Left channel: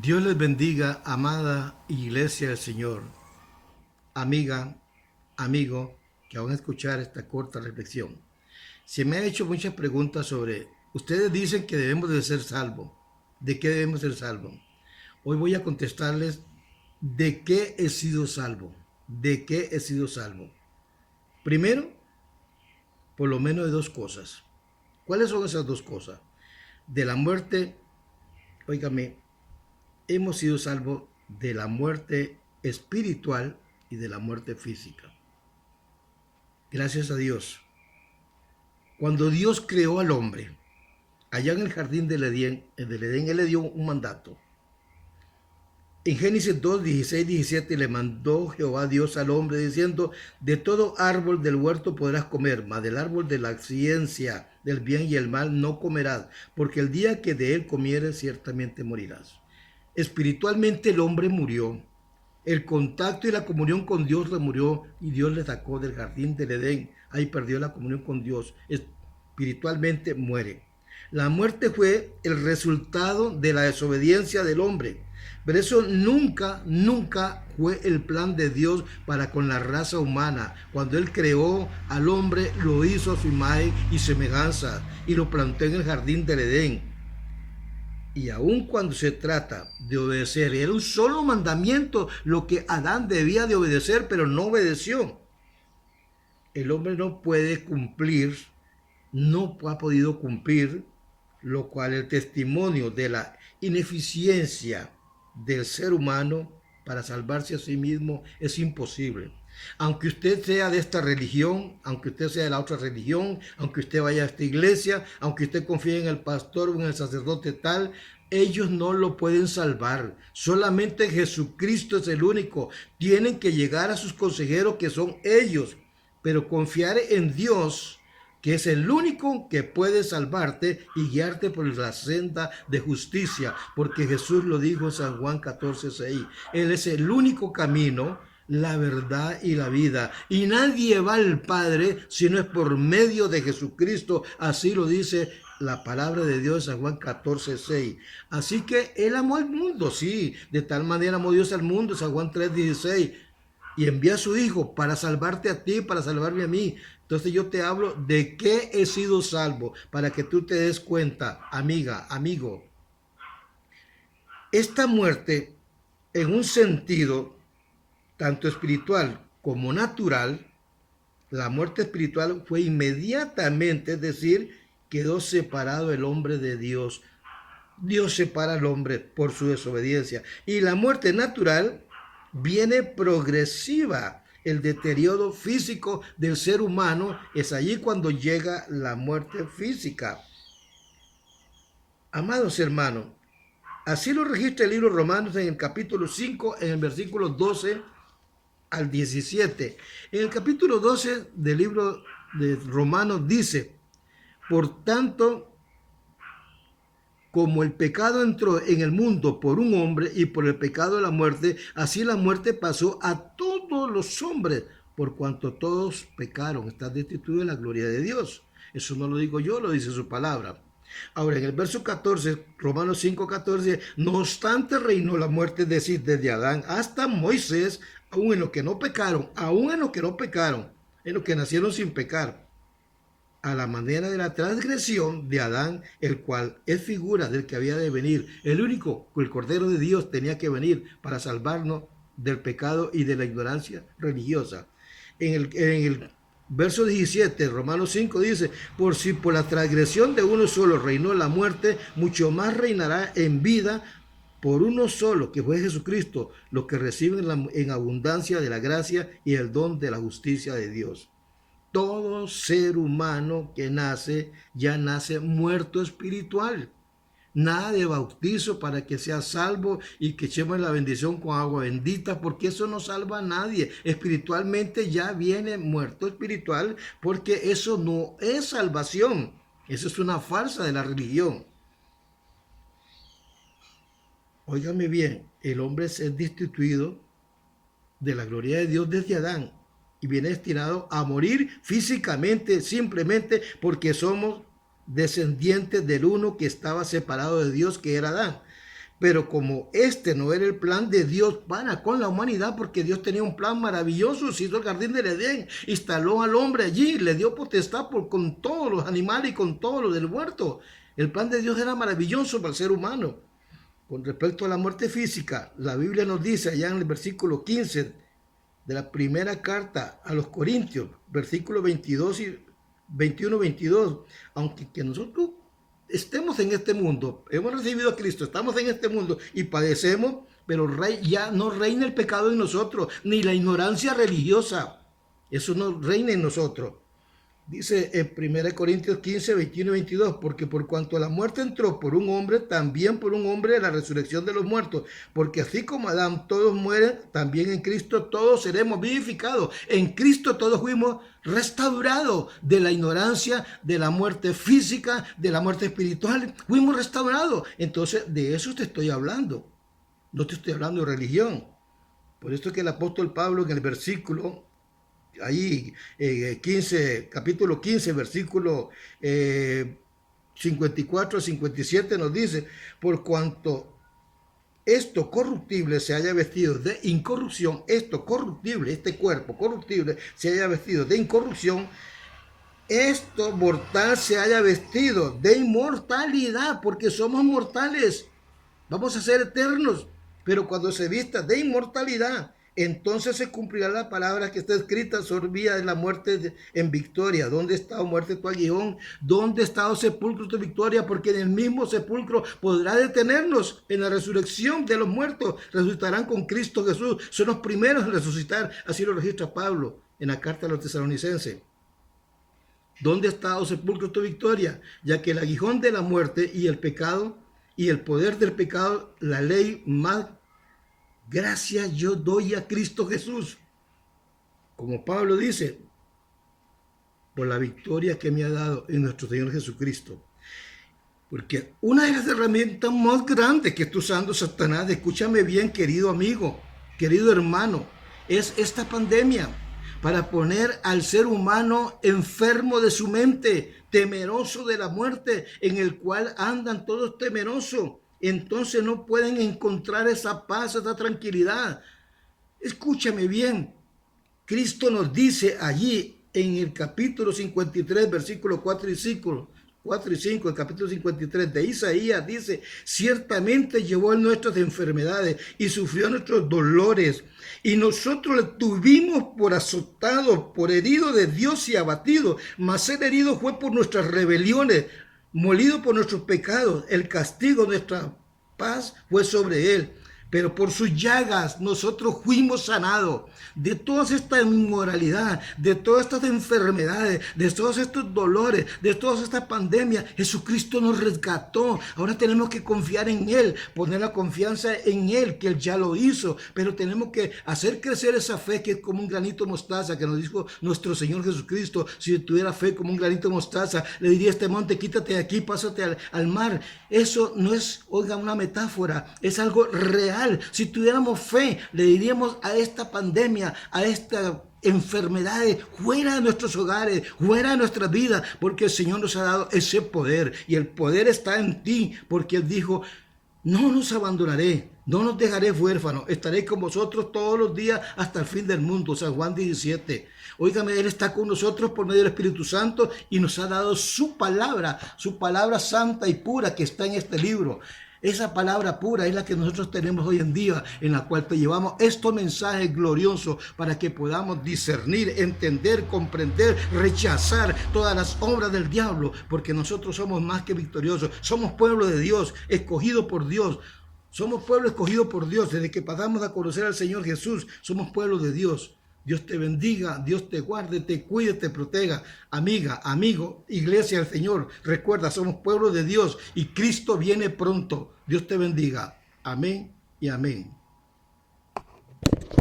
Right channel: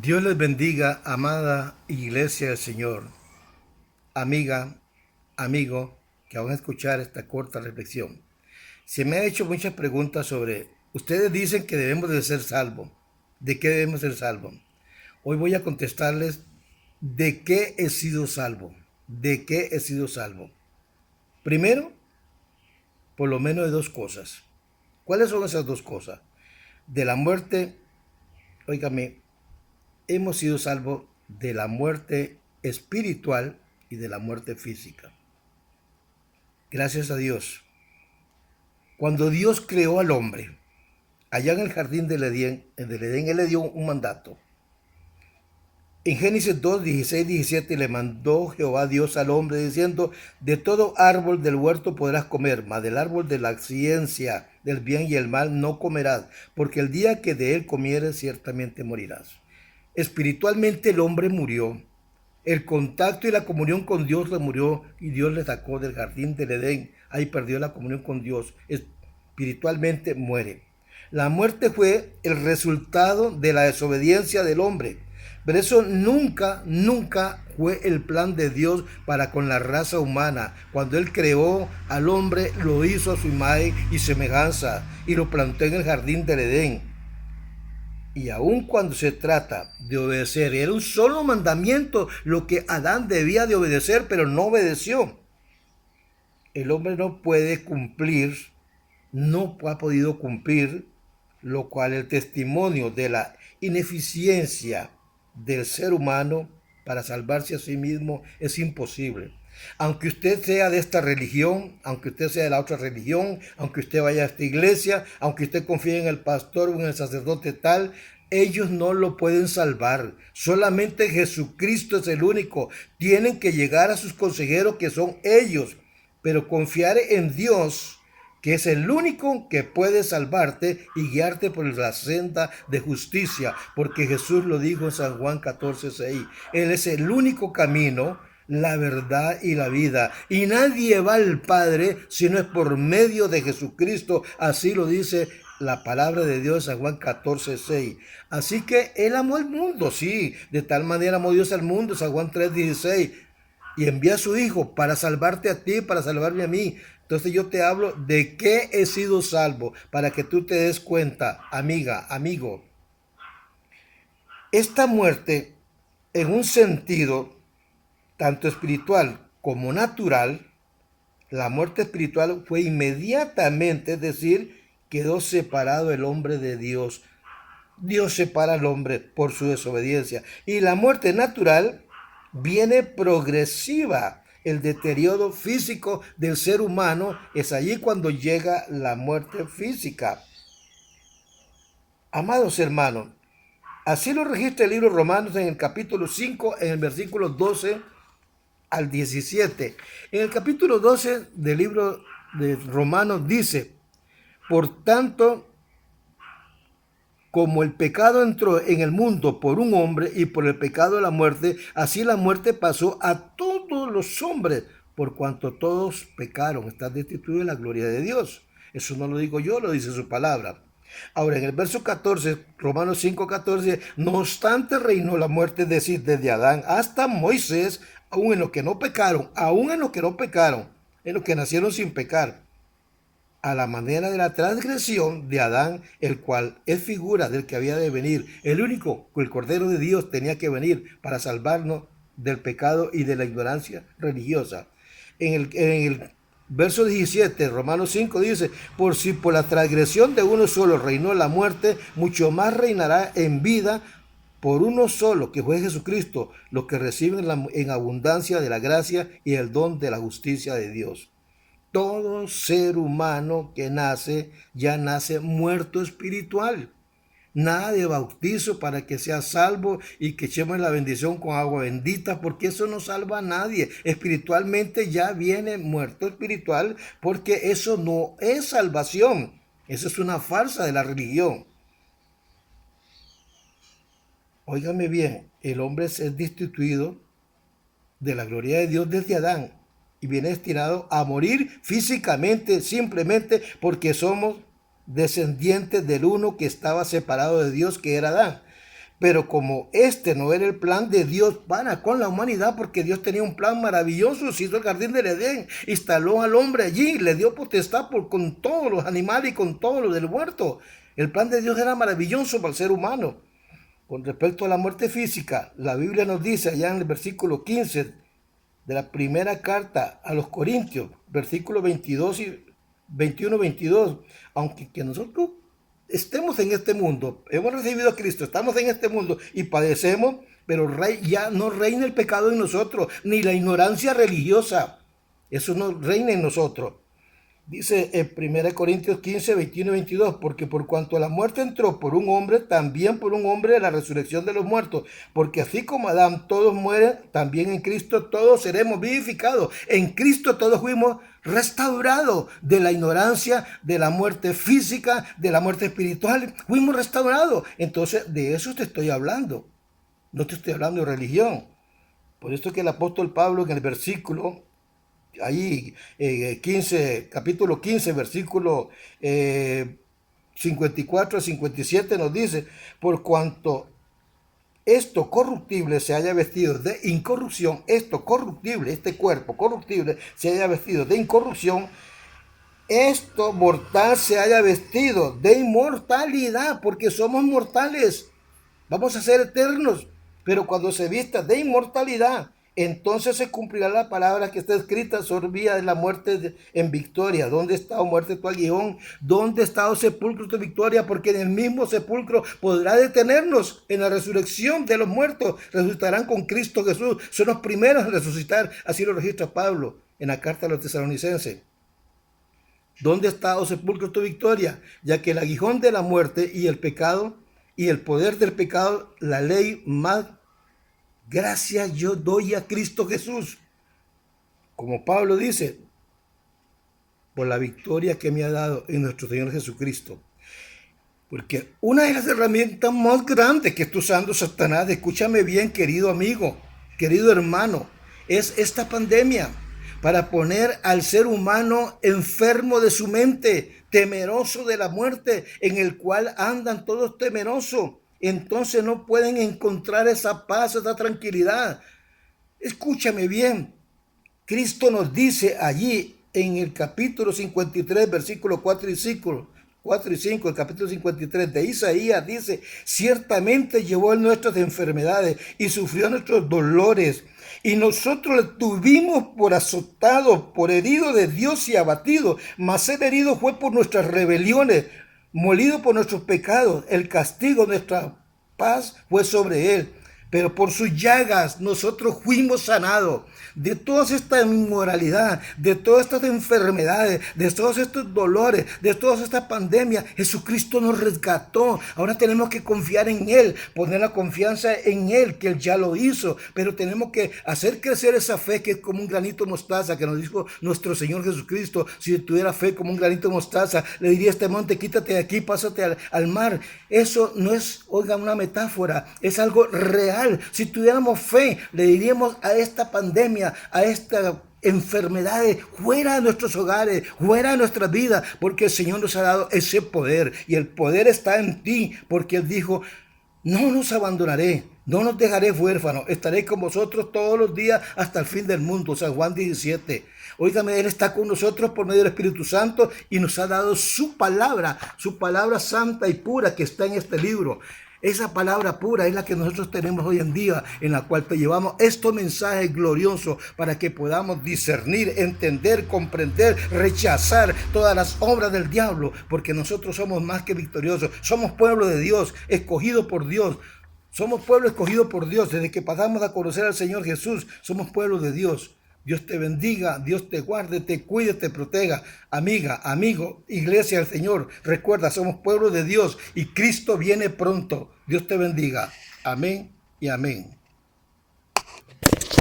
Dios les bendiga, amada Iglesia del Señor, amiga, amigo, que van a escuchar esta corta reflexión. Se me ha hecho muchas preguntas sobre, ustedes dicen que debemos de ser salvos. ¿De qué debemos ser salvos? Hoy voy a contestarles de qué he sido salvo. ¿De qué he sido salvo? Primero, por lo menos de dos cosas. ¿Cuáles son esas dos cosas? De la muerte, óigame, hemos sido salvos de la muerte espiritual y de la muerte física. Gracias a Dios. Cuando Dios creó al hombre, allá en el jardín del Edén, Él le dio un mandato. En Génesis 2, 16, 17 le mandó Jehová Dios al hombre diciendo, de todo árbol del huerto podrás comer, mas del árbol de la ciencia del bien y el mal no comerás, porque el día que de él comieres ciertamente morirás. Espiritualmente el hombre murió. El contacto y la comunión con Dios le murió y Dios le sacó del jardín del Edén. Ahí perdió la comunión con Dios. Espiritualmente muere. La muerte fue el resultado de la desobediencia del hombre. Pero eso nunca fue el plan de Dios para con la raza humana. Cuando Él creó al hombre, lo hizo a su imagen y semejanza y lo plantó en el jardín del Edén. Y aun cuando se trata de obedecer, era un solo mandamiento lo que Adán debía de obedecer, pero no obedeció. El hombre no puede cumplir, no ha podido cumplir, lo cual el testimonio de la ineficiencia del ser humano para salvarse a sí mismo es imposible. Aunque usted sea de esta religión, aunque usted sea de la otra religión, aunque usted vaya a esta iglesia, aunque usted confíe en el pastor o en el sacerdote tal, ellos no lo pueden salvar. Solamente Jesucristo es el único. Tienen que llegar a sus consejeros que son ellos. Pero confiar en Dios, que es el único que puede salvarte y guiarte por la senda de justicia, porque Jesús lo dijo en San Juan 14:6. Él es el único camino, la verdad y la vida. Y nadie va al Padre si no es por medio de Jesucristo. Así lo dice la palabra de Dios en San Juan 14:6. Así que Él amó al mundo, sí. De tal manera amó Dios al mundo, San Juan 3:16. Y envía a su Hijo para salvarte a ti, para salvarme a mí. Entonces yo te hablo de qué he sido salvo, para que tú te des cuenta, amiga, amigo. Esta muerte, en un sentido tanto espiritual como natural, la muerte espiritual fue inmediatamente, es decir, quedó separado el hombre de Dios. Dios separa al hombre por su desobediencia. Y la muerte natural viene progresiva. El deterioro físico del ser humano es allí cuando llega la muerte física. Amados hermanos, así lo registra el libro de Romanos en el capítulo 5, en el versículo 12 al 17. En el capítulo 12 del libro de Romanos dice, por tanto, como el pecado entró en el mundo por un hombre y por el pecado de la muerte, así la muerte pasó a todos los hombres, por cuanto todos pecaron, están destituidos de la gloria de Dios. Eso no lo digo yo, lo dice su palabra. Ahora, en el verso 14, Romanos 5:14, no obstante reinó la muerte, es decir, desde Adán hasta Moisés, aún en los que no pecaron, en los que nacieron sin pecar, a la manera de la transgresión de Adán, el cual es figura del que había de venir. El único, el Cordero de Dios, tenía que venir para salvarnos del pecado y de la ignorancia religiosa. En el verso 17, Romanos 5 dice, por si por la transgresión de uno solo reinó la muerte, mucho más reinará en vida por uno solo, que fue Jesucristo, los que reciben en abundancia de la gracia y el don de la justicia de Dios. Todo ser humano que nace, ya nace muerto espiritual. Nada de bautizo para que sea salvo y que echemos la bendición con agua bendita, porque eso no salva a nadie. Espiritualmente ya viene muerto espiritual, porque eso no es salvación. Eso es una farsa de la religión. Óigame bien, el hombre es destituido de la gloria de Dios desde Adán y viene destinado a morir físicamente, simplemente porque somos descendientes del uno que estaba separado de Dios, que era Adán. Pero como este no era el plan de Dios para con la humanidad, porque Dios tenía un plan maravilloso, se hizo el jardín del Edén, instaló al hombre allí, le dio potestad con todos los animales y con todos los del huerto. El plan de Dios era maravilloso para el ser humano. Con respecto a la muerte física, la Biblia nos dice allá en el versículo 15 de la primera carta a los Corintios, versículos 22 y 21-22, aunque que nosotros estemos en este mundo, hemos recibido a Cristo, estamos en este mundo y padecemos, pero ya no reina el pecado en nosotros, ni la ignorancia religiosa, eso no reina en nosotros. Dice en 1 Corintios 15, 21 y 22, porque por cuanto la muerte entró por un hombre, también por un hombre la resurrección de los muertos, porque así como Adán todos mueren, también en Cristo todos seremos vivificados. En Cristo todos fuimos restaurados de la ignorancia, de la muerte física, de la muerte espiritual, fuimos restaurados. Entonces de eso te estoy hablando, no te estoy hablando de religión. Por esto que el apóstol Pablo en el versículo ahí, capítulo 15, versículo 54 a 57 nos dice, por cuanto esto corruptible se haya vestido de incorrupción, esto corruptible, este cuerpo corruptible se haya vestido de incorrupción, esto mortal se haya vestido de inmortalidad, porque somos mortales, vamos a ser eternos, pero cuando se vista de inmortalidad, entonces se cumplirá la palabra que está escrita sobre vida de la muerte en victoria. ¿Dónde está, oh muerte, tu aguijón? ¿Dónde está, oh sepulcro, tu victoria? Porque en el mismo sepulcro podrá detenernos en la resurrección de los muertos. Resucitarán con Cristo Jesús. Son los primeros en resucitar. Así lo registra Pablo en la carta a los tesalonicenses. ¿Dónde está, oh sepulcro, tu victoria? Ya que el aguijón de la muerte y el pecado y el poder del pecado, la ley más gracias yo doy a Cristo Jesús. Como Pablo dice, por la victoria que me ha dado en nuestro Señor Jesucristo. Porque una de las herramientas más grandes que está usando Satanás, escúchame bien, querido amigo, querido hermano, es esta pandemia para poner al ser humano enfermo de su mente, temeroso de la muerte, en el cual andan todos temerosos. Entonces no pueden encontrar esa paz, esa tranquilidad. Escúchame bien, Cristo nos dice allí en el capítulo 53, versículos 4 y 5, el capítulo 53 de Isaías dice, ciertamente llevó él nuestras enfermedades y sufrió nuestros dolores, y nosotros le tuvimos por azotado, por herido de Dios y abatido, mas el herido fue por nuestras rebeliones, molido por nuestros pecados, el castigo de nuestra paz fue sobre él, pero por sus llagas nosotros fuimos sanados. De toda esta inmoralidad, de todas estas enfermedades, de todos estos dolores, de todas estas pandemias, Jesucristo nos rescató. Ahora tenemos que confiar en Él, poner la confianza en Él, que Él ya lo hizo, pero tenemos que hacer crecer esa fe que es como un granito de mostaza, que nos dijo nuestro Señor Jesucristo. Si tuviera fe como un granito de mostaza, le diría a este monte, quítate de aquí, pásate al mar. Eso no es, oiga, una metáfora, es algo real. Si tuviéramos fe, le diríamos a esta pandemia, a esta enfermedades fuera de nuestros hogares, fuera de nuestras vidas, porque el Señor nos ha dado ese poder, y el poder está en ti, porque Él dijo, no nos abandonaré, no nos dejaré huérfanos, estaré con vosotros todos los días hasta el fin del mundo. San Juan 17. Óigame, Él está con nosotros por medio del Espíritu Santo y nos ha dado su palabra santa y pura que está en este libro. Esa palabra pura es la que nosotros tenemos hoy en día, en la cual te llevamos estos mensajes gloriosos para que podamos discernir, entender, comprender, rechazar todas las obras del diablo, porque nosotros somos más que victoriosos. Somos pueblo de Dios, escogido por Dios. Somos pueblo escogido por Dios. Desde que pasamos a conocer al Señor Jesús, somos pueblo de Dios. Dios te bendiga, Dios te guarde, te cuide, te proteja. Amiga, amigo, iglesia del Señor, recuerda, somos pueblo de Dios y Cristo viene pronto. Dios te bendiga. Amén y amén.